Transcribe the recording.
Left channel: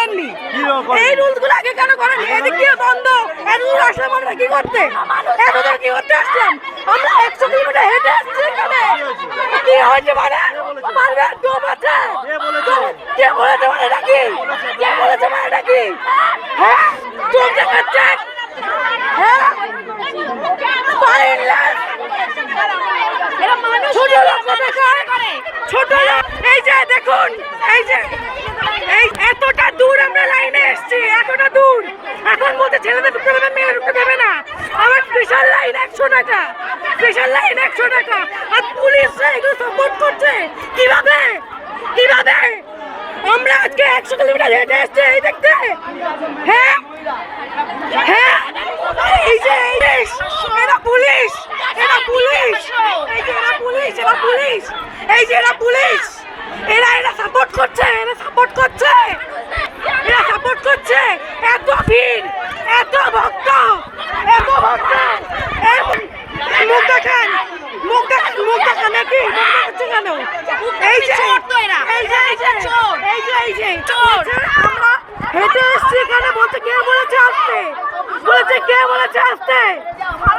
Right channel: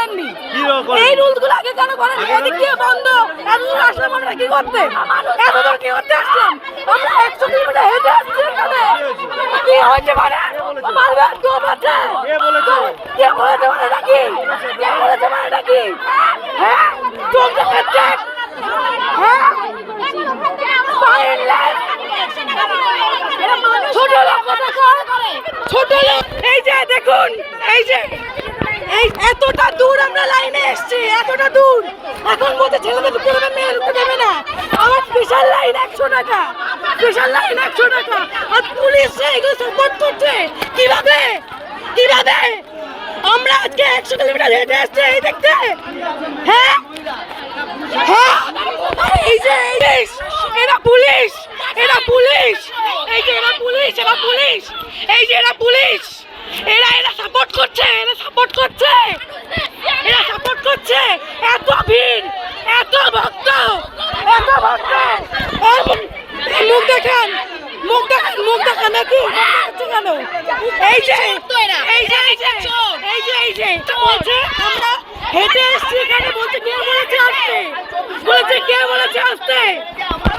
করেননি? এই রুলস গুলো আগে কেন করেননি? এদিক দিয়ে বন্ধ, এতদূর আসলাম আমরা কি করতে? এতদূর কি করতে আসলাম? আমরা 100 কিলোমিটার হেঁটে আসছি এখানে। কি হয়েছে মানে? মারবে কেউ বাঁচে? কে বলেছে মানে নাকি? কে বলেছে মানে নাকি? হ্যাঁ, চোখ দেখাচ্ছে। হ্যাঁ, ছোট লোক ছোট লোক। এই যে দেখুন, এই যে এই এতটা দূর আমরা লাইনে এসছি, এতটা দূর। এখন বলতে ছেলেদের ঢুকতে দেবে, মেয়ে ঢুকতে দেবে না। আমার স্পেশাল লাইন 100 টাকা, স্পেশাল লাইন 100 টাকা। আর পুলিশরা এগুলো সাপোর্ট করছে কিভাবে? কিভাবে আমরা আজকে 100 কিলোমিটার হেঁটে এসছি এই দেখতে? হ্যাঁ হ্যাঁ, এই যে এরা পুলিশ, এরা পুলিশ, এই যে এরা পুলিশ, এরা পুলিশ, এই যে এরা পুলিশ, এরা সাপোর্ট করছে, এরা সাপোর্ট করছে, এরা সাপোর্ট করছে। এত ভিড়, এত ভক্ত, এত ভক্ত। মুখ দেখান, মুখ দেখান, মুখ দেখান নাকি? মুখ দেখাচ্ছে কেন? এই যে এই যে এই যে এই যে এই যে বলছে আমরা হেঁটে এসছি এখানে, বলতে কে বলেছে আসতে? বলেছে কে বলেছে আসতে?